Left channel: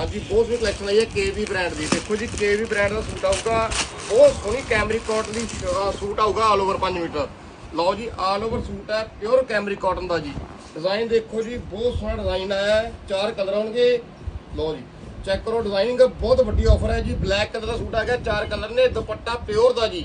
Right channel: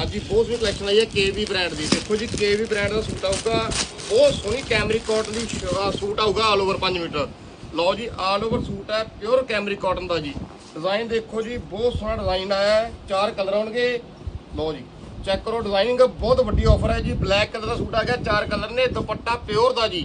ਹਾਂਜੀ, ਬਹੁਤ ਸੋਹਣੀ ਕਲੈਕਸ਼ਨ ਆਈ ਹੈ ਕੇਵੀ ਬ੍ਰਾਂਡ ਦੀ। ਦੇਖੋ ਜੀ ਕੇਵੀ ਬ੍ਰਾਂਡ ਦਾ ਸੂਟ ਆਊਗਾ। ਬਹੁਤ ਸੋਹਣੀ ਕੈਮਰਿਕ ਕਾਟਨ ਦੀ ਸੂਟ ਆਊਗਾ ਆਲ ਓਵਰ 5 ਮੀਟਰ। ਲਓ ਜੀ ਆਲ ਓਵਰ ਸੂਟ ਹੈ ਪਿਓਰ ਕੈਮਰਿਕ ਕਾਟਨ ਦਾ ਜੀ। ਡਿਜ਼ਾਈਨ ਦੇਖੋ ਜੀ, ਬਹੁਤ ਸੋਹਣਾ ਡਿਜ਼ਾਈਨ ਆਇਆ ਹੈ। ਚਾਰ ਕਲਰ ਆਉਣਗੇ। ਲਓ ਜੀ ਚੈੱਕ ਕਰੋ ਡਿਜ਼ਾਈਨਿੰਗ ਬਹੁਤ ਵੱਡੀ ਆਫਰ ਹੈ ਜੀ। ਬਲੈਕ ਕਲਰ ਦਾ ਸੂਟ ਆ ਗਿਆ, ਚਾਰ ਕਲਰ ਨੇ। ਦੁਪੱਟਾ ਪਿਓਰ ਦਾ ਜੀ।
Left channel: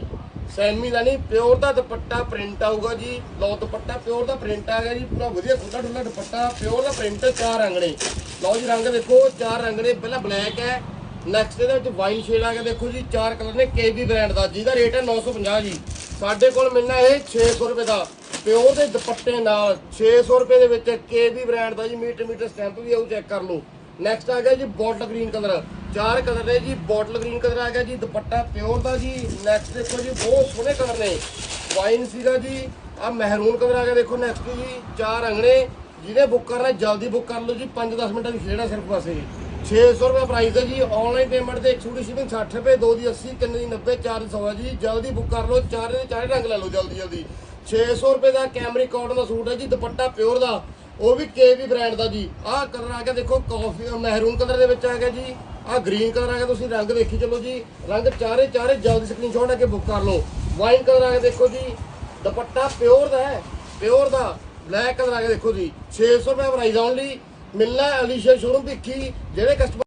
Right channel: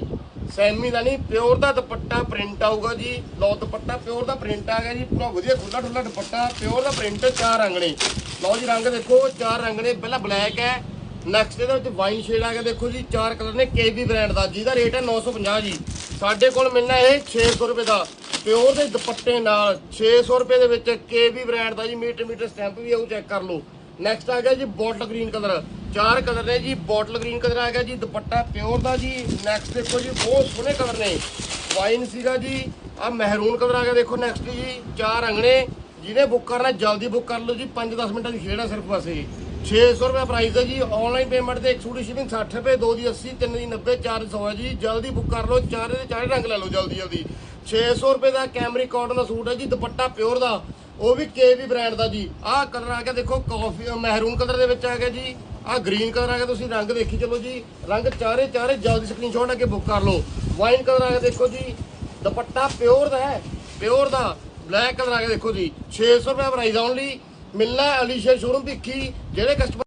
ਸੈਮੀ ਦਾ ਨਹੀਂ, ਪਿਓਰ ਦਾ ਦੁਪੱਟਾ ਪ੍ਰਿੰਟ ਆਊਗਾ ਜੀ। ਲਓ, ਦੁਪੱਟਾ ਪਿਓਰ ਦਾ ਪ੍ਰਿੰਟ ਆ ਗਿਆ ਜੀ। ਪੂਰਾ ਵਧੀਆ ਖੁੱਲਾ ਡੁੱਲਾ ਦੁਪੱਟਾ, ਪਿਓਰ ਦਾ ਪ੍ਰਿੰਟ, ਚਾਰ ਰੰਗ ਲਓ ਜੀ, ਰੰਗ ਦੇਖੋ, ਚਾਰ ਰੰਗ ਨੇ ਬਲੈਕ ਹੈ ਨੈਕਸਟ ਇਹਦੇ ਵਿੱਚ ਵਾਈਨ ਸ਼ੇਡ ਆ ਗਿਆ। ਦੇਖੋ ਜੀ, ਚਾਰ ਕਲਰ ਨੇ ਕੇਬੀ ਬ੍ਰਾਂਡ ਦਾ, ਜਿਹਦਾ ਰੇਟ ਹੈ 950 ਜੀ। ਸਾਡੇ ਕੋਲ ਮਿਲਣਾ ਇਹ 600 ਰੁਪਏ ਦਾ। ਪਿਓਰ ਦੇ ਦੁਪੱਟੇ ਨਾਲ 600 ਰੁਪਏ ਦੇ ਵਿੱਚ ਕੇਬੀ ਬ੍ਰਾਂਡ ਦਾ ਜੀ, ਮੀਟਰ ਮੀਟਰ ਸਟੈਂਪ ਵੀ ਆਉ ਚੈੱਕ ਕਰ ਲਓ। ਨੈਕਸਟ ਆ ਗਿਆ ਜੀ ਬੋਟਲ ਗ੍ਰੀਨ ਕਲਰ ਚਾਰ ਕਲਰ ਨੇ ਜੀ, ਬੋਟਲ ਗ੍ਰੀਨ ਕਲਰ ਆ ਗਿਆ ਜੀ, ਦੁਪੱਟਾ ਪਿਓਰ ਦਾ ਜੀ ਨੈਕਸਟ ਦੇਖੋ ਜੀ, ਬਹੁਤ ਸੋਹਣੇ ਕਲਰ ਨੇ। ਵਾਈਨ ਸੀਗਾ ਜੀ ਆ ਮਹਿਰੂਨ ਕਲਰ ਆ ਗਿਆ, ਦੇਖੋ ਨੈਕਸਟ ਜੀ, ਚਾਰ ਰੰਗ ਨੇ ਜਿਹਨੇ ਬੁੱਕ ਕਰਨਾ, ਜਲਦੀ ਬੁੱਕ ਕਰ ਲਓ ਜੀ 5-10 ਮਿੰਟਾਂ ਦੀ ਖੇਡ ਹੈ ਸਿਰਫ ਬਸ ਇਹ। 600 ਰੁਪਏ ਪ੍ਰਾਈਸ ਹੈ ਜੀ ਆਨਲਾਈਨ ਪੇਮੈਂਟ ਤੇ 100 ਦੀ ਸ਼ਿਪਿੰਗ 60 ਰੁਪਏ, ਦੋ ਦੀ 80 ਤਿੰਨ ਦੀ 90 ਚਾਰ ਦੀ 100 ਹੈ ਜੀ, ਜਲਦੀ ਬੁੱਕ ਕਰ ਲਓ, ਚਾਰੇ ਦੇ ਚਾਰੇ ਰੰਗ ਲੈ ਲਓ ਜਲਦੀ ਜਲਦੀ 600 ਰੁਪਏ ਦਾ ਕੈਮਰੀ ਕਾਟਨ ਦਾ ਸੂਟ ਹੈ ਜੀ, ਦੁਪੱਟਾ ਪਿਓਰ ਦਾ ਉਹ ਵੀ ਕੇਵੀ ਬ੍ਰਾਂਡ ਦਾ ਜੀ। ਆਹ ਕਲਰ ਆ ਗਿਆ, ਦੇਖੋ ਕਾਫੀ ਮਹਿਰੂਨ ਕਲਰ ਦੇ ਵਿੱਚ ਆ ਗਿਆ ਜੀ। ਆਹ ਗ੍ਰੀਨ ਕਲਰ ਆ ਗਿਆ, ਤੁਸੀਂ ਰੰਗ ਦੇਖੀ ਚਲੋ ਜੀ। ਰੰਗ ਚਾਰੇ ਚਾਰੇ ਜਲਦੀ ਸਕਰੀਨਸ਼ਾਟ ਆ ਕੇ ਬੁੱਕ ਕਰ ਲਓ। ਵਾਈਨ ਕਲਰ ਆ ਗਿਆ, ਦੇਖੋ ਜੀ। ਦੁਪੱਟਾ ਪਿਓਰ ਦਾ ਹੈ ਪਿਓਰ ਦਾ। ਬਲੈਕ ਕਲਰ ਆ ਗਿਆ, ਦੇਖੋ ਜੀ। 600 ਰੁਪਏ ਪ੍ਰਾਈਸ ਓਨਲੀ ਮਿਲਣਾ ਅਲੀਸ਼ਾ ਸ਼ੋਰੂਮ ਭਿੱਖੀ, ਜਿਹੜੇ ਕਸਟਮਰ